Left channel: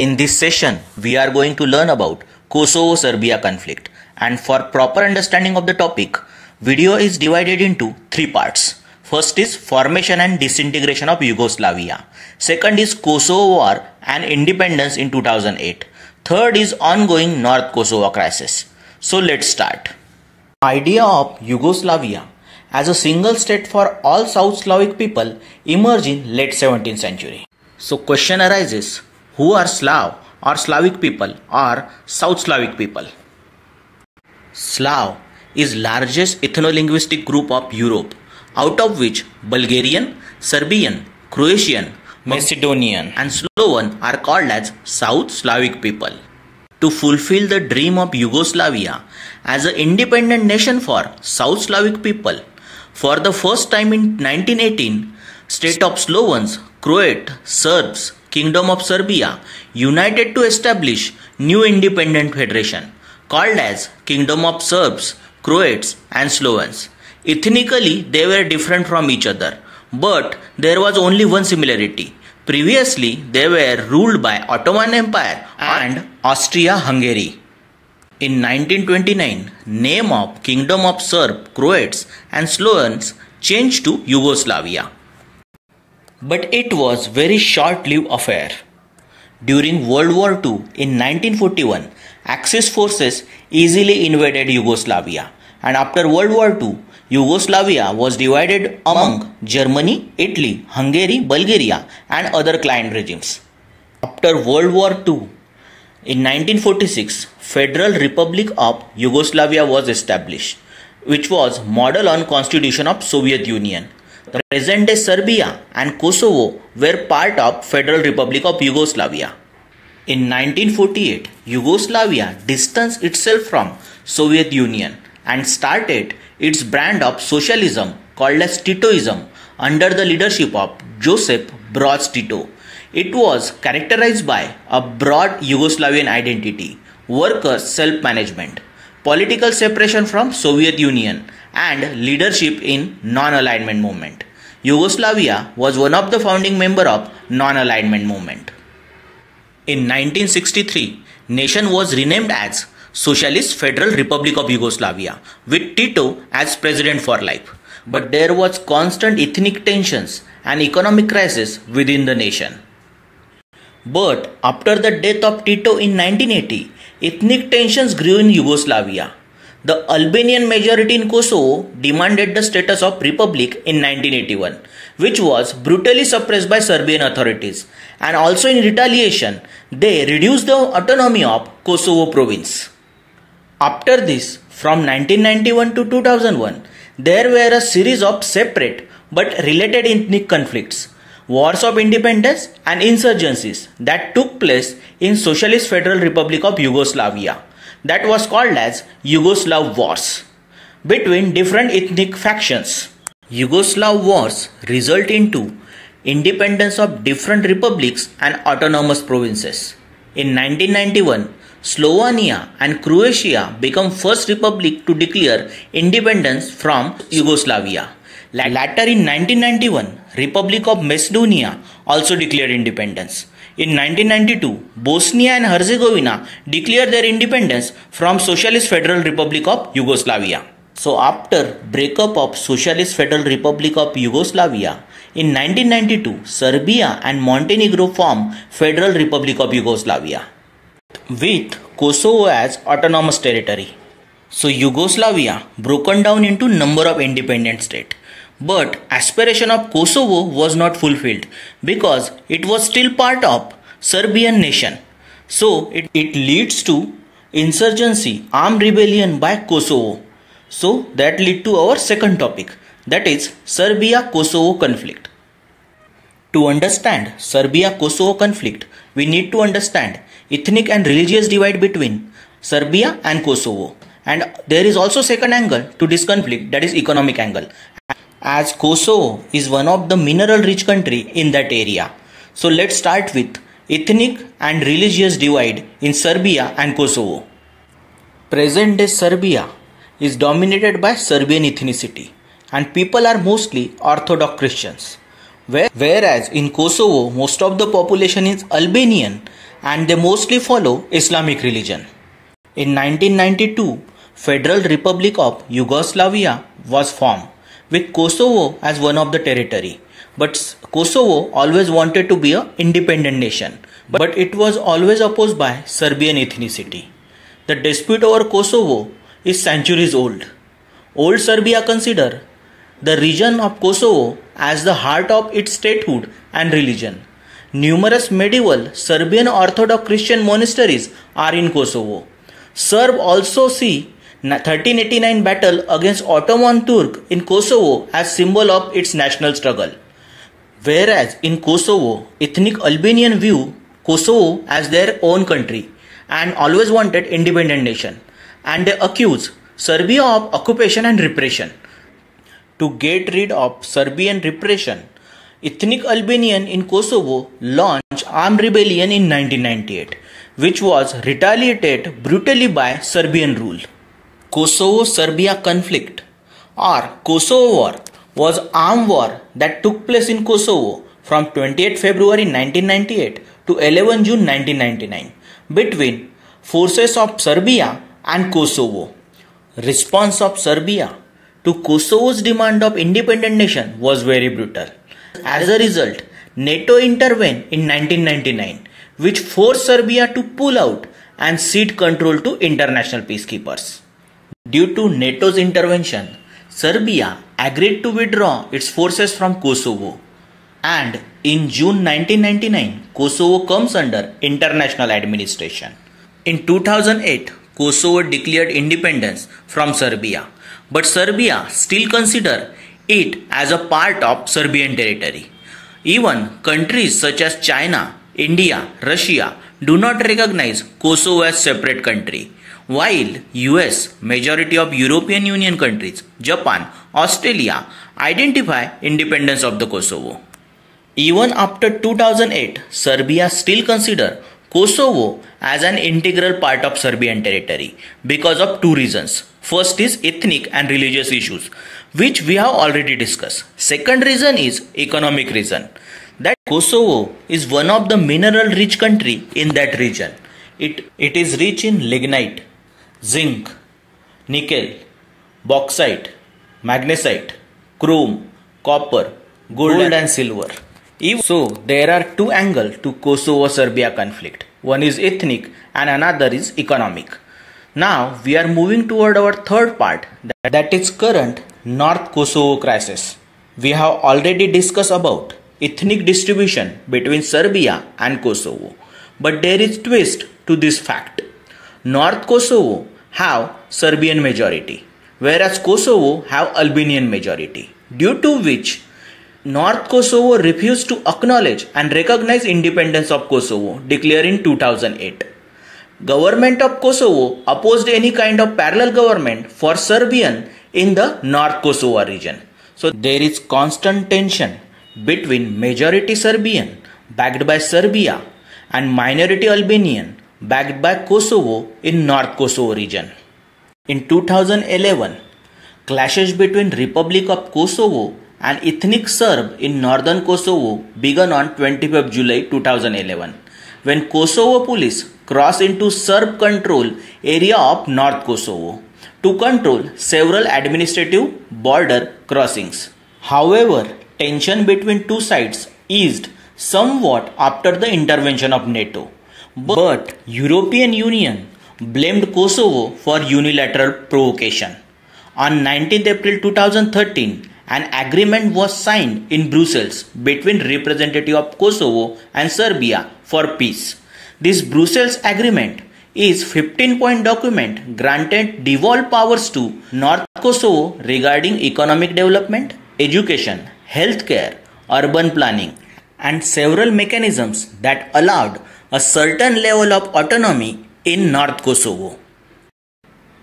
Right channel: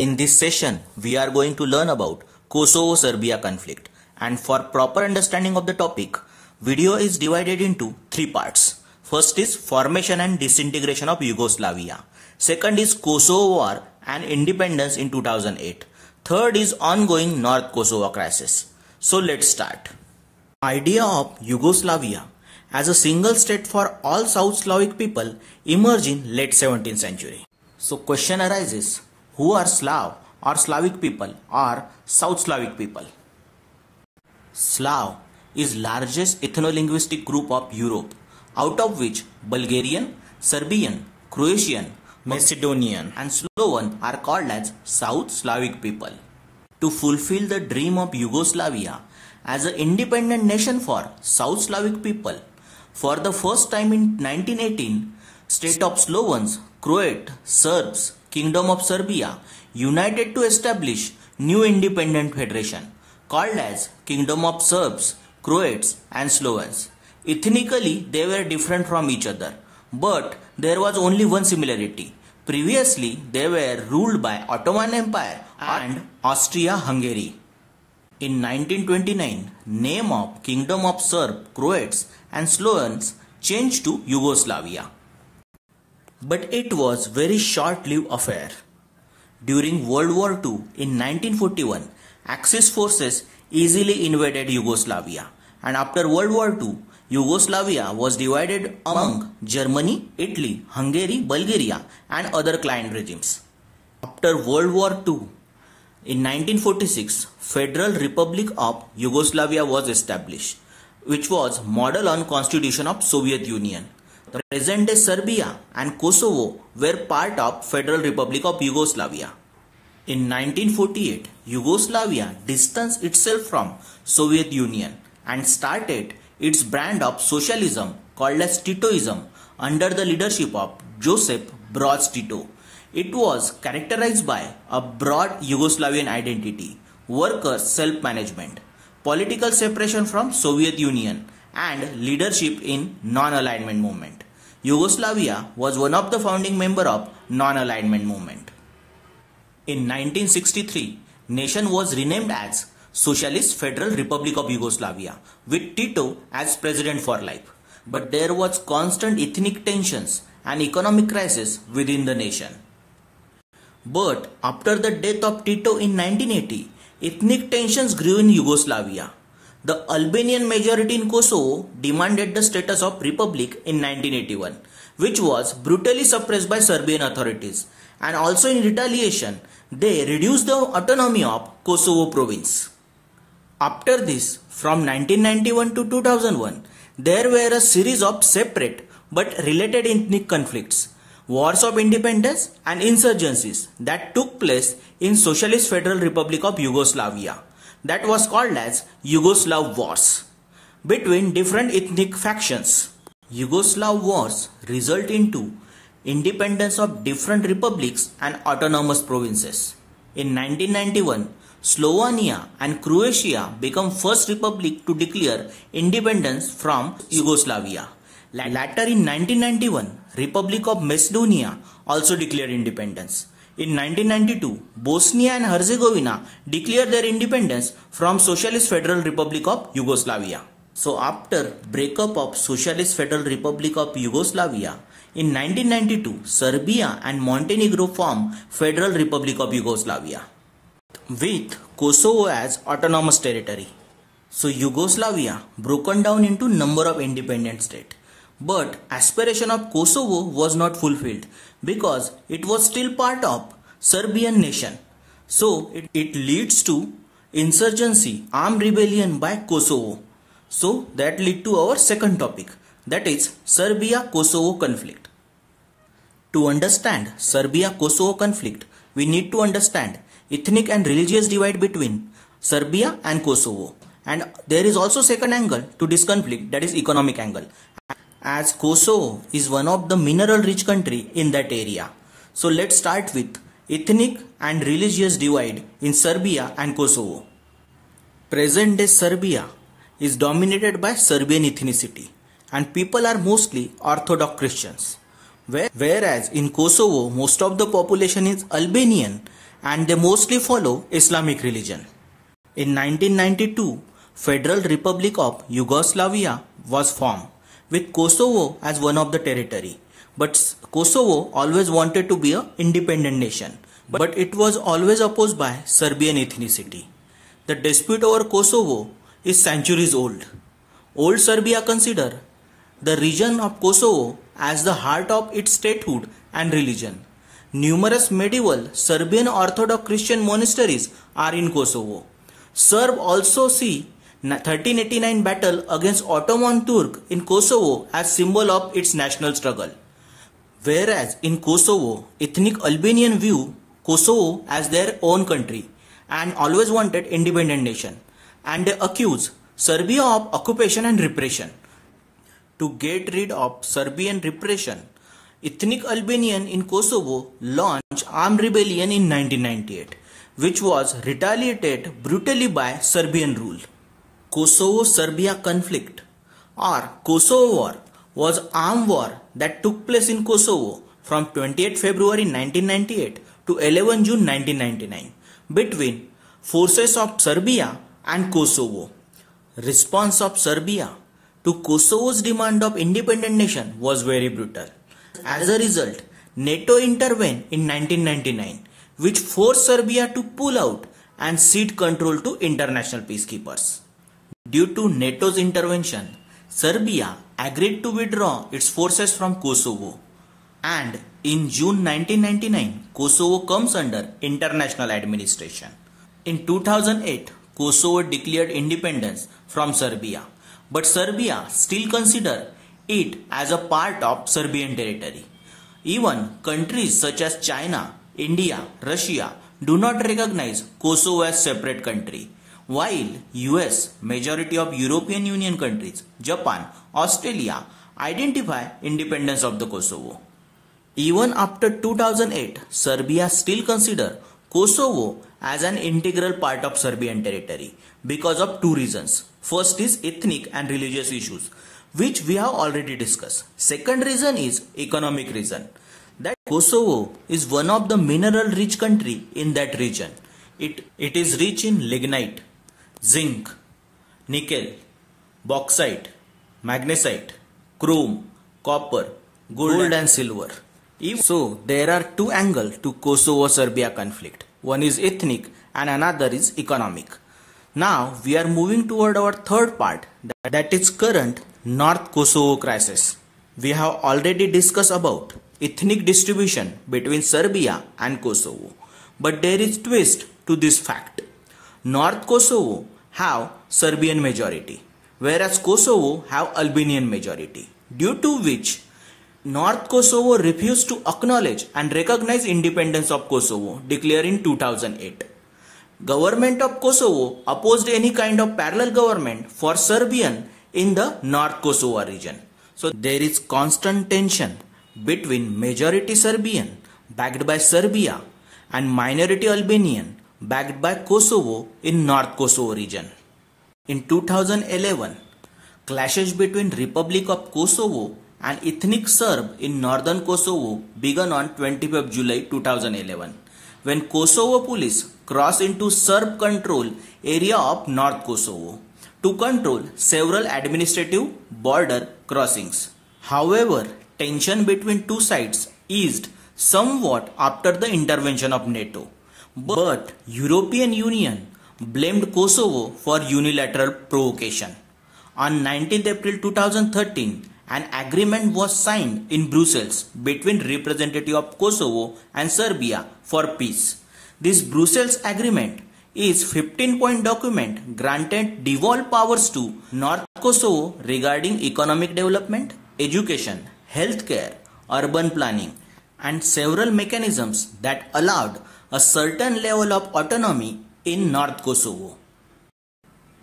In this session, we are going to learn about Kosovo-Serbia conflict, and for proper understanding of the topic, video is divided into three parts. First is formation and disintegration of Yugoslavia. Second is Kosovo War and independence in 2008. Third is ongoing North Kosovo crisis. So let's start. Idea of Yugoslavia as a single state for all South Slavic people emerged in late 17th century. So question arises, who are Slav or Slavic people or South Slavic people? Slav is largest ethno-linguistic group of Europe, out of which Bulgarian, Serbian, Croatian, Macedonian and Sloven are called as South Slavic people. To fulfill the dream of Yugoslavia as an independent nation for South Slavic people, for the first time in 1918, state of Slovens, Croats, Serbs, Kingdom of Serbia united to establish new independent federation called as Kingdom of Serbs, Croats and Slovens. Ethnically, they were different from each other, but there was only one similarity. Previously, they were ruled by Ottoman Empire and Austria-Hungary. In 1929, name of Kingdom of Serbs, Croats and Slovens changed to Yugoslavia. But it was very short-lived affair. During World War II in 1941, Axis forces easily invaded Yugoslavia, and after World War II, Yugoslavia was divided among Germany, Italy, Hungary, Bulgaria and other client regimes. After World War II, in 1946, Federal Republic of Yugoslavia was established, which was model on Constitution of Soviet Union. The present-day Serbia and Kosovo were part of Federal Republic of Yugoslavia. In 1948, Yugoslavia distanced itself from Soviet Union and started its brand of socialism called as Titoism under the leadership of Josip Broz Tito. It was characterized by a broad Yugoslavian identity, workers' self-management, political separation from Soviet Union and leadership in non-alignment movement. Yugoslavia was one of the founding members of non-alignment movement. In 1963, nation was renamed as Socialist Federal Republic of Yugoslavia with Tito as president for life. But there was constant ethnic tensions and economic crisis within the nation. But after the death of Tito in 1980, ethnic tensions grew in Yugoslavia. The Albanian majority in Kosovo demanded the status of republic in 1981, which was brutally suppressed by Serbian authorities, and also in retaliation, they reduced the autonomy of Kosovo province. After this, from 1991 to 2001, there were a series of separate but related ethnic conflicts, wars of independence and insurgencies that took place in Socialist Federal Republic of Yugoslavia, that was called as Yugoslav Wars, between different ethnic factions. Yugoslav wars result into independence of different republics and autonomous provinces. In 1991, Slovenia and Croatia became first republic to declare independence from Yugoslavia. Later in 1991, Republic of Macedonia also declared independence. In 1992, Bosnia and Herzegovina declared their independence from Socialist Federal Republic of Yugoslavia. So after breakup of Socialist Federal Republic of Yugoslavia, in 1992, Serbia and Montenegro formed Federal Republic of Yugoslavia, with Kosovo as autonomous territory. So Yugoslavia broken down into number of independent states. But aspiration of Kosovo was not fulfilled because it was still part of Serbian nation. So it leads to insurgency, armed rebellion by Kosovo. So that lead to our second topic, that is Serbia-Kosovo conflict. To understand Serbia-Kosovo conflict, we need to understand ethnic and religious divide between Serbia and Kosovo. And there is also second angle to this conflict, that is economic angle, as Kosovo is one of the mineral rich country in that area. So let's start with ethnic and religious divide in Serbia and Kosovo. Present day Serbia is dominated by Serbian ethnicity and people are mostly Orthodox Christians, Whereas in Kosovo, most of the population is Albanian and they mostly follow Islamic religion. In 1992, Federal Republic of Yugoslavia was formed, with Kosovo as one of the territory. But Kosovo always wanted to be an independent nation, but it was always opposed by Serbian ethnicity. The dispute over Kosovo is centuries old. Old Serbia considered the region of Kosovo as the heart of its statehood and religion. Numerous medieval Serbian Orthodox Christian monasteries are in Kosovo. Serb also see 1389 battle against Ottoman Turk in Kosovo as symbol of its national struggle. Whereas in Kosovo, ethnic Albanian view Kosovo as their own country and always wanted independent nation, and they accuse Serbia of occupation and repression. To get rid of Serbian repression, ethnic Albanian in Kosovo launched armed rebellion in 1998, which was retaliated brutally by Serbian rule. Kosovo-Serbia conflict or Kosovo War was armed war that took place in Kosovo from 28 February 1998 to 11 June 1999 between forces of Serbia and Kosovo. Response of Serbia to Kosovo's demand of independent nation was very brutal. As a result, NATO intervened in 1999, which forced Serbia to pull out and cede control to international peacekeepers. Due to NATO's intervention, Serbia agreed to withdraw its forces from Kosovo, and in June 1999, Kosovo comes under international administration. In 2008, Kosovo declared independence from Serbia, but Serbia still considers it as a part of Serbian territory. Even countries such as China, India, Russia do not recognize Kosovo as separate country, while US, majority of European Union countries, Japan, Australia identify independence of the Kosovo. Even after 2008, Serbia still considers Kosovo as an integral part of Serbian territory because of two reasons. First is ethnic and religious issues, which we have already discussed. Second reason is economic reason, that Kosovo is one of the mineral rich country in that region. It is rich in lignite, zinc, nickel, bauxite, magnesite, chrome, copper, gold and silver. So there are two angles to Kosovo-Serbia conflict. One is ethnic and another is economic. Now we are moving toward our third part, that is current North Kosovo crisis. We have already discussed about ethnic distribution between Serbia and Kosovo, but there is twist to this fact. North Kosovo have Serbian majority, whereas Kosovo have Albanian majority, due to which North Kosovo refused to acknowledge and recognize independence of Kosovo declared in 2008. Government of Kosovo opposed any kind of parallel government for Serbian in the North Kosovo region. So there is constant tension between majority Serbian backed by Serbia and minority Albanian backed by Kosovo in North Kosovo region. In 2011, clashes between Republic of Kosovo and ethnic Serb in northern Kosovo began on 25 July 2011 when Kosovo police crossed into Serb control area of North Kosovo to control several administrative border crossings. However, tension between two sides eased somewhat after the intervention of NATO, but European Union blamed Kosovo for unilateral provocation. On 19 April 2013, an agreement was signed in Brussels between representatives of Kosovo and Serbia for peace. This Brussels agreement is 15-point document granted devolved powers to North Kosovo regarding economic development, education, healthcare, urban planning, and several mechanisms that allowed a certain level of autonomy in North Kosovo.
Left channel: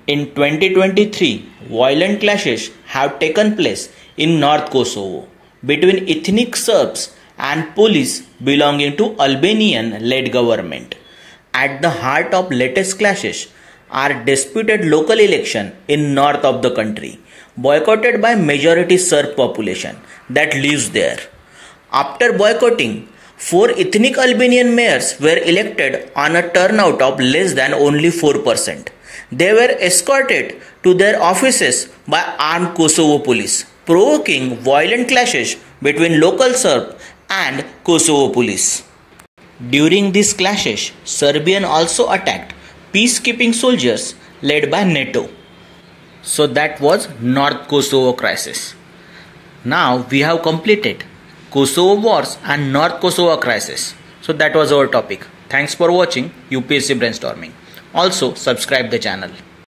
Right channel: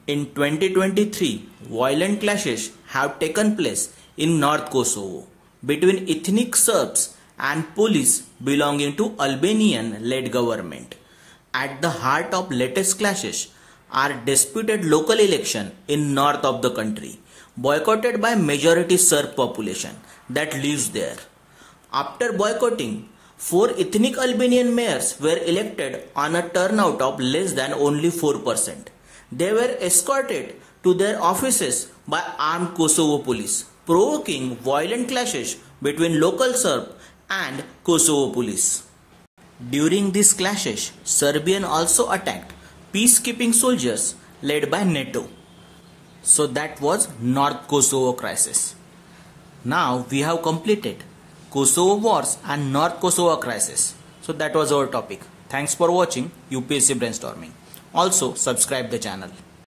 In 2023, violent clashes have taken place in North Kosovo between ethnic Serbs and police belonging to Albanian-led government. At the heart of latest clashes are disputed local election in north of the country, boycotted by majority Serb population that lives there. After boycotting, 4 ethnic Albanian mayors were elected on a turnout of less than only 4%. They were escorted to their offices by armed Kosovo police, provoking violent clashes between local Serb and Kosovo police. During these clashes, Serbian also attacked peacekeeping soldiers led by NATO. So that was North Kosovo crisis. Now we have completed Kosovo wars and North Kosovo crisis. So that was our topic. Thanks for watching UPSC Brainstorming. Also subscribe the channel.